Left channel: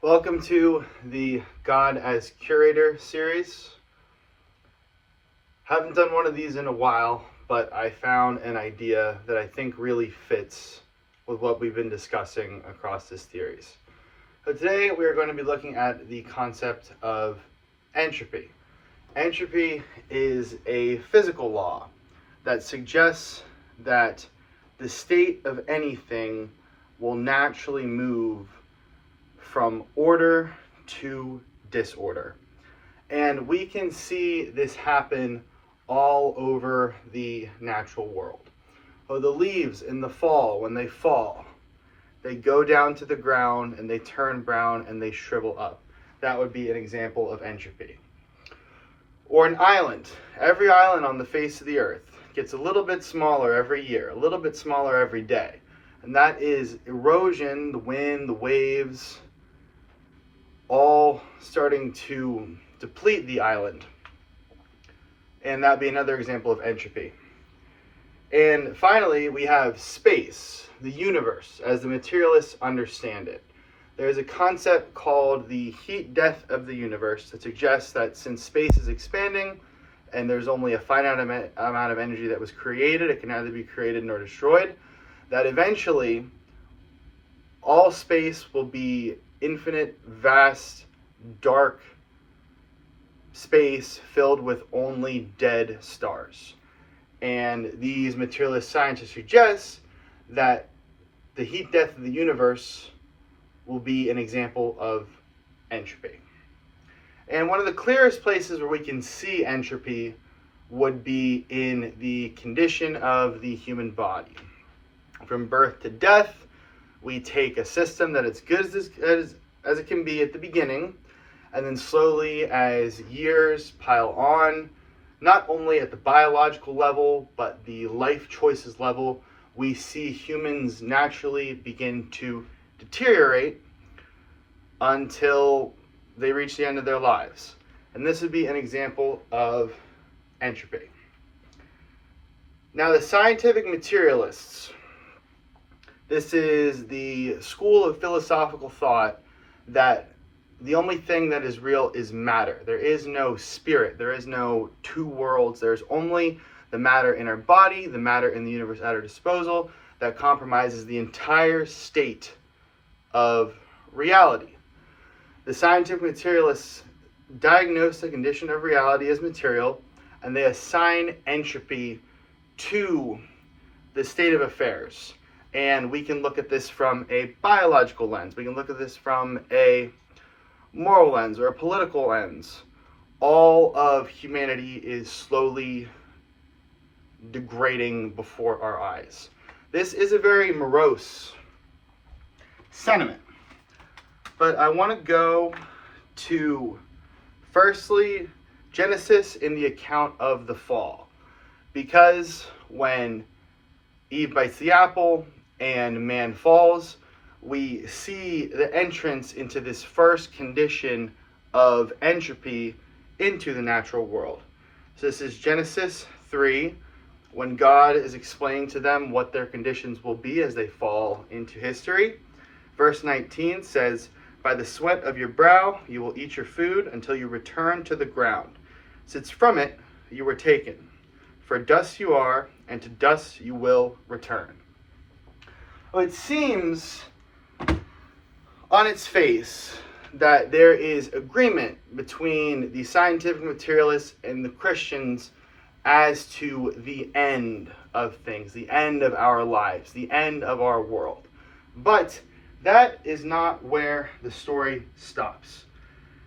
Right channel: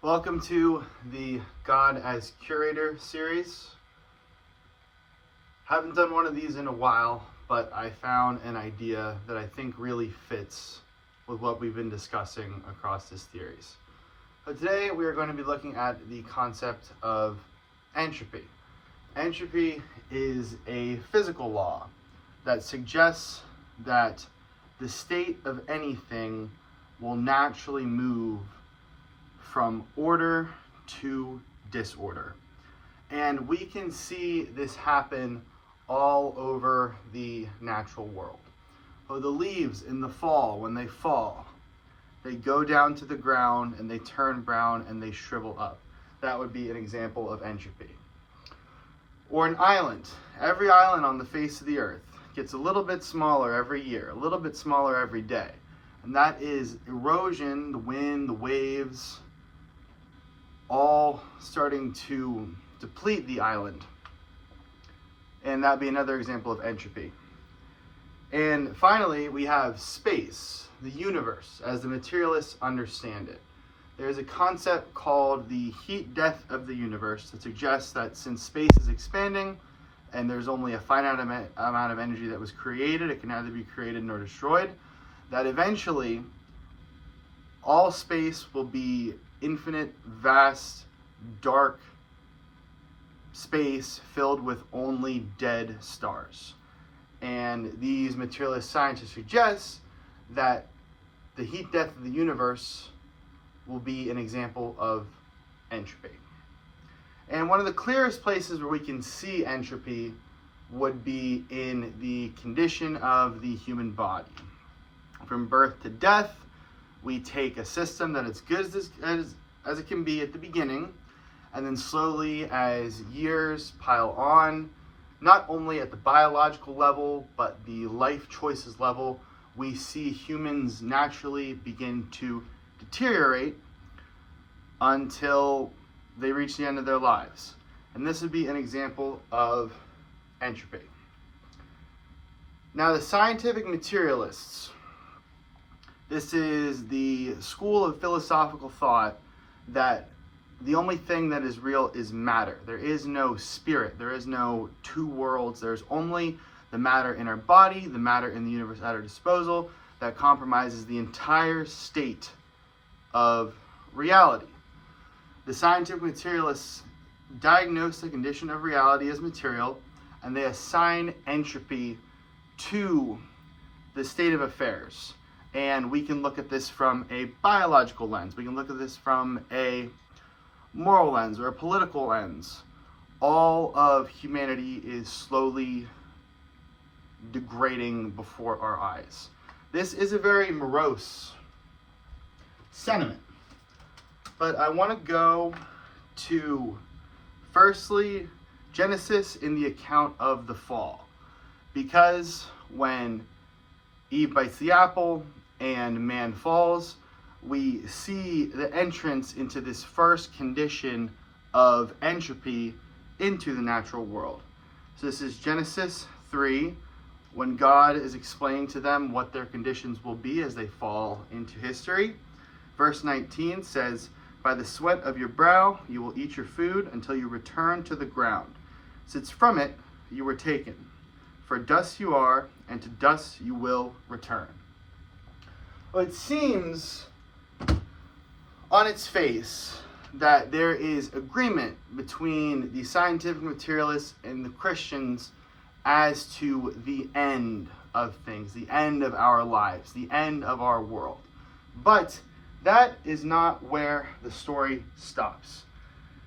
Welcome to the God as Curator series. Haven't done one of these in a while, but I found an idea that I think really fits with what we've been discussing across this series. So today we are going to be looking at the concept of entropy. Entropy is a physical law that suggests that the state of anything will naturally move from order to disorder. And we can see this happen all over the natural world. Oh, the leaves in the fall, when they fall, they go down to the ground and they turn brown and they shrivel up. That would be an example of entropy. Or an island. Every island on the face of the earth gets a little bit smaller every year, a little bit smaller every day. And that is erosion, the wind, the waves, all starting to deplete the island. And that'd be another example of entropy. And finally, we have space, the universe, as the materialists understand it. There's a concept called the heat death of the universe that suggests that since space is expanding and there's only a finite amount of energy that was created, it can neither be created nor destroyed, that eventually all space will be infinite, vast, dark space filled with only dead stars. And these materialist scientists suggest that the heat death of the universe will be an example of entropy. And one of the clearest places where we can see entropy would be in the condition of the human body. From birth to death, we take a system that is good as it can be at the beginning, and then slowly as years pile on, not only at the biological level, but the life choices level, we see humans naturally begin to deteriorate until they reach the end of their lives. And this would be an example of entropy. Now, the scientific materialists, this is the school of philosophical thought that the only thing that is real is matter. There is no spirit. There is no two worlds. There's only the matter in our body, the matter in the universe at our disposal that compromises the entire state of reality. The scientific materialists diagnose the condition of reality as material, and they assign entropy to the state of affairs. And we can look at this from a biological lens. We can look at this from a moral lens or a political lens. All of humanity is slowly degrading before our eyes. This is a very morose sentiment. But I want to go to, firstly, Genesis in the account of the fall. Because when Eve bites the apple and man falls, we see the entrance into this first condition of entropy into the natural world. So this is Genesis 3, when God is explaining to them what their conditions will be as they fall into history. Verse 19 says, "By the sweat of your brow you will eat your food until you return to the ground. Since from it you were taken. For dust you are, and to dust you will return." Well, it seems on its face that there is agreement between the scientific materialists and the Christians as to the end of things, the end of our lives, the end of our world. But that is not where the story stops.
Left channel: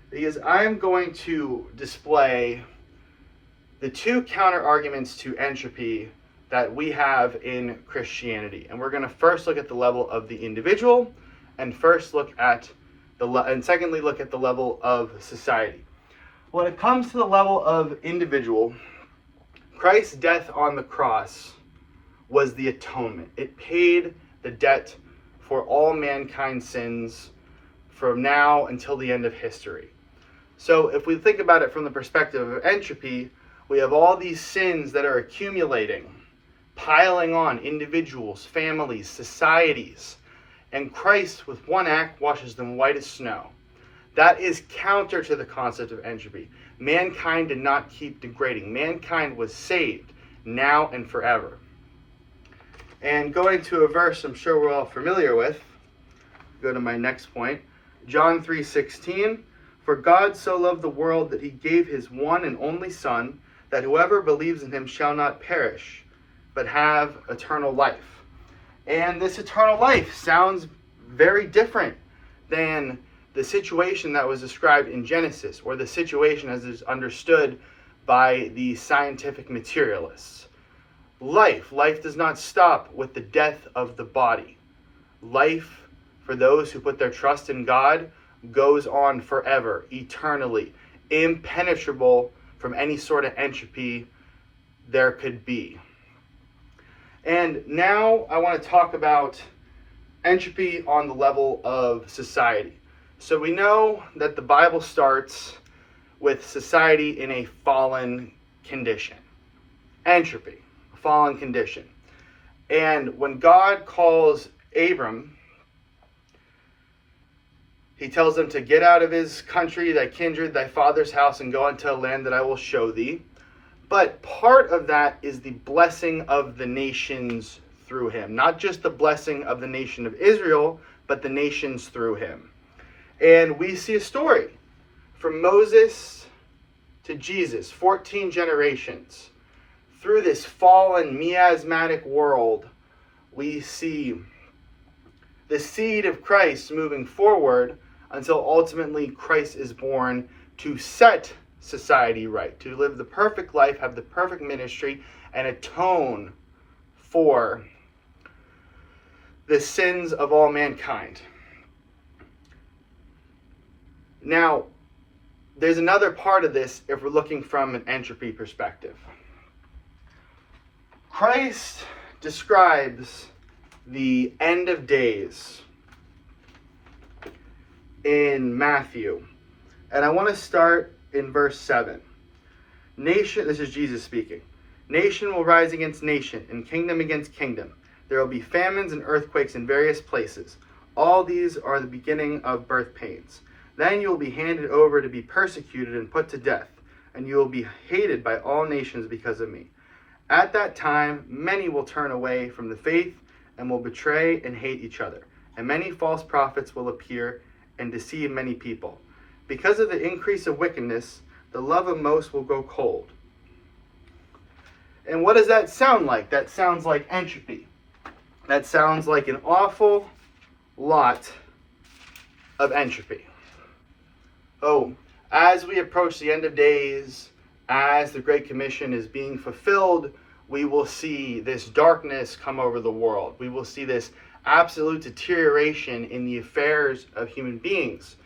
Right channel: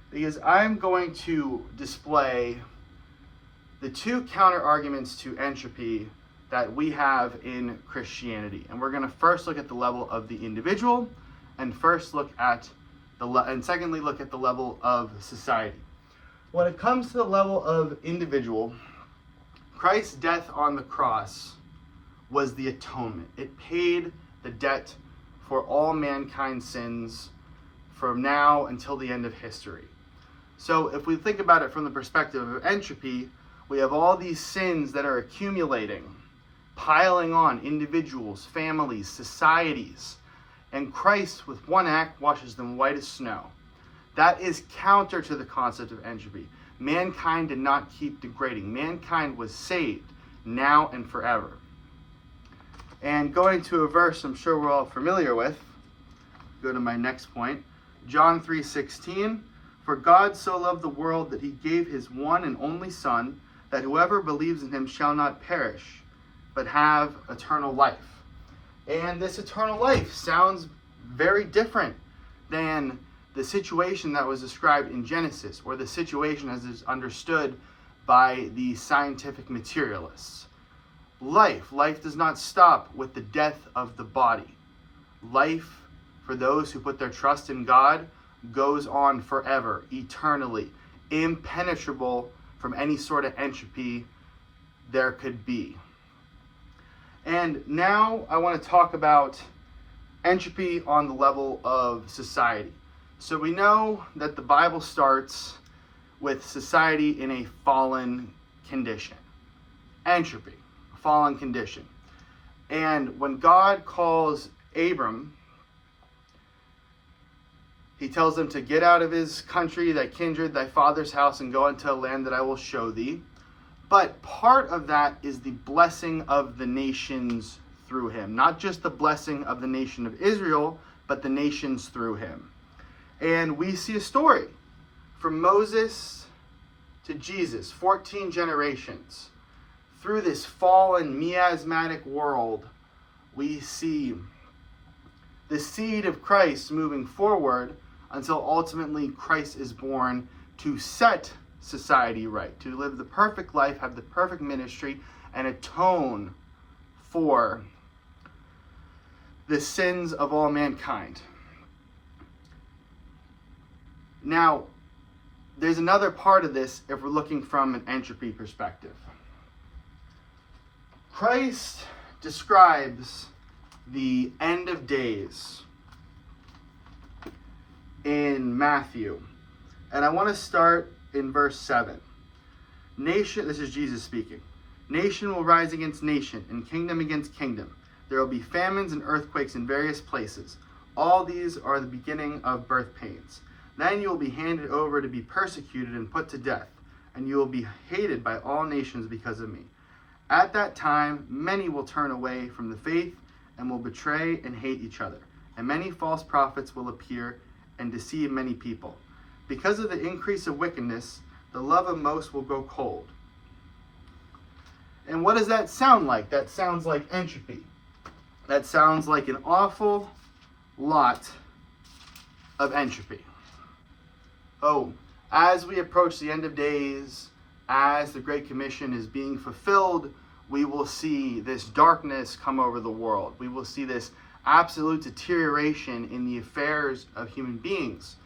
Because I'm going to display the two counter arguments to entropy that we have in Christianity. And we're going to first look at the level of the individual, and secondly look at the level of society. When it comes to the level of individual, Christ's death on the cross was the atonement. It paid the debt for all mankind's sins from now until the end of history. So if we think about it from the perspective of entropy, we have all these sins that are accumulating, piling on individuals, families, societies, and Christ with one act washes them white as snow. That is counter to the concept of entropy. Mankind did not keep degrading. Mankind was saved now and forever. And going to a verse I'm sure we're all familiar with, go to my next point, John 3:16, "For God so loved the world that he gave his one and only Son, that whoever believes in him shall not perish, but have eternal life." And this eternal life sounds very different than the situation that was described in Genesis, or the situation as is understood by the scientific materialists. Life does not stop with the death of the body. Life, for those who put their trust in God, goes on forever, eternally, impenetrable from any sort of entropy there could be. And now I want to talk about entropy on the level of society. So we know that the Bible starts with society in a fallen condition. Entropy, fallen condition. And when God calls Abram, he tells him to get out of his country, thy kindred, thy father's house, and go into a land that I will show thee. But part of that is the blessing of the nations through him. Not just the blessing of the nation of Israel, but the nations through him. And we see a story from Moses to Jesus, 14 generations. Through this fallen, miasmatic world, we see the seed of Christ moving forward until ultimately Christ is born to set society right, to live the perfect life, have the perfect ministry, and atone for the sins of all mankind. Now, there's another part of this if we're looking from an entropy perspective. Christ describes the end of days in Matthew. And I want to start in verse 7. This is Jesus speaking. Nation will rise against nation, and kingdom against kingdom. There will be famines and earthquakes in various places. All these are the beginning of birth pains. Then you will be handed over to be persecuted and put to death, and you will be hated by all nations because of me. At that time, many will turn away from the faith and will betray and hate each other. And many false prophets will appear and deceive many people. Because of the increase of wickedness, the love of most will go cold. And what does that sound like? That sounds like entropy. That sounds like an awful lot of entropy. Oh, as we approach the end of days, as the Great Commission is being fulfilled, we will see this darkness come over the world. We will see this absolute deterioration in the affairs of human beings.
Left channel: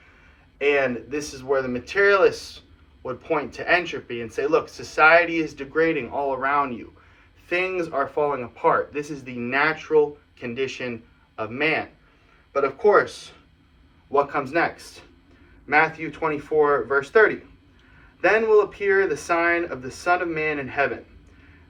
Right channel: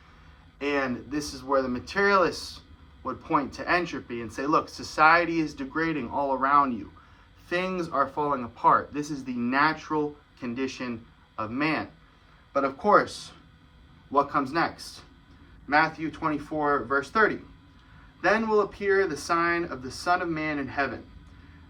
And this is where the materialists would point to entropy and say, look, society is degrading all around you. Things are falling apart. This is the natural condition of man. But of course, what comes next? Matthew 24, verse 30. Then will appear the sign of the Son of Man in heaven.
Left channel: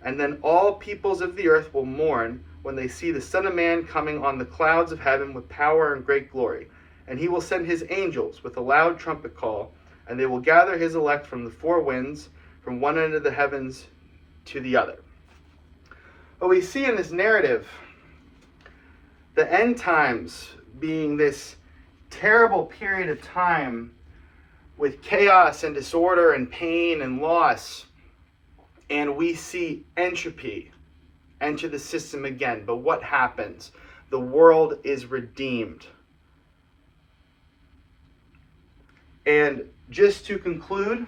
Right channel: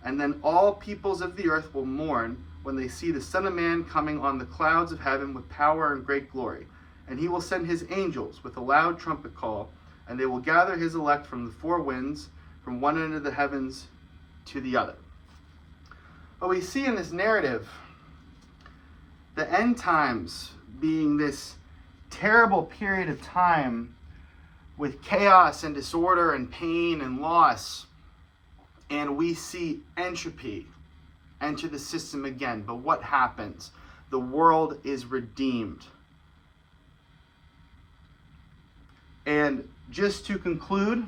And then all peoples of the earth will mourn when they see the Son of Man coming on the clouds of heaven with power and great glory. And he will send his angels with a loud trumpet call, and they will gather his elect from the four winds, from one end of the heavens to the other. But we see in this narrative the end times being this terrible period of time with chaos and disorder and pain and loss. And we see entropy enter the system again. But what happens? The world is redeemed. And just to conclude,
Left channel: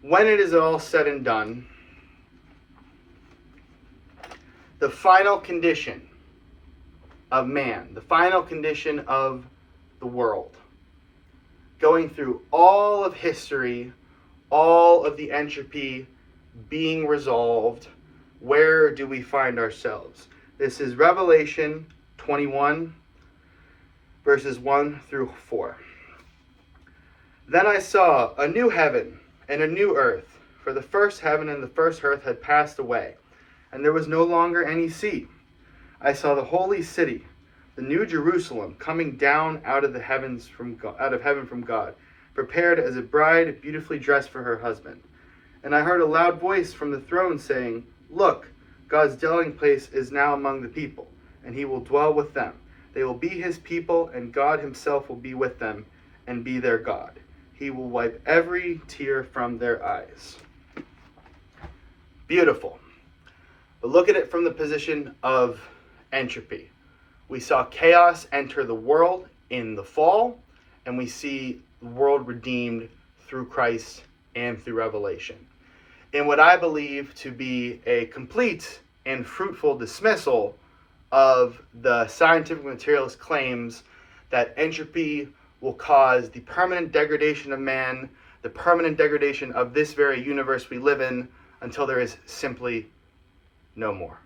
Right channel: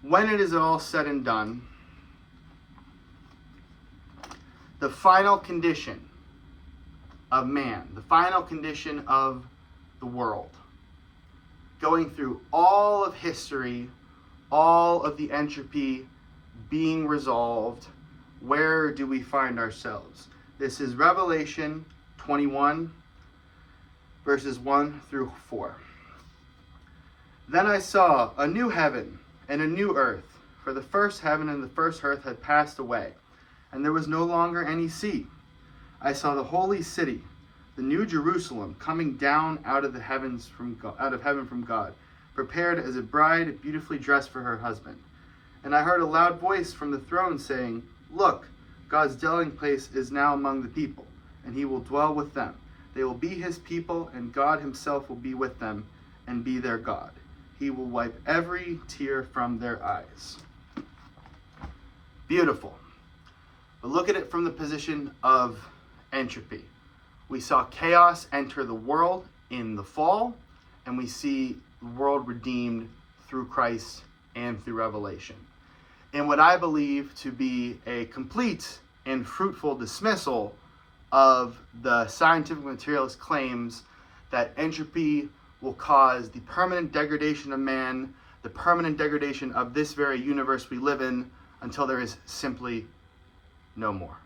when it is all said and done, the final condition of man, the final condition of the world, going through all of history, all of the entropy being resolved, where do we find ourselves? This is Revelation 21, verses 1 through 4. Then I saw a new heaven and a new earth, for the first heaven and the first earth had passed away, and there was no longer any sea. I saw the holy city, the new Jerusalem coming down out of heaven from God, prepared as a bride beautifully dressed for her husband. And I heard a loud voice from the throne saying, "Look, God's dwelling place is now among the people, and he will dwell with them. They will be his people, and God himself will be with them and be their God. He will wipe every tear from their eyes." Beautiful. But look at it from the position of entropy. We saw chaos enter the world in the fall, and we see the world redeemed through Christ and through revelation. In what I believe to be a complete and fruitful dismissal of the scientific materialist claims that entropy will cause the permanent degradation of man, the permanent degradation of this very universe we live in, until there is simply no more.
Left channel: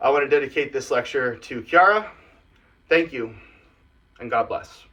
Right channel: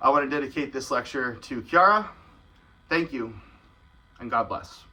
I want to dedicate this lecture to Kiara. Thank you, and God bless.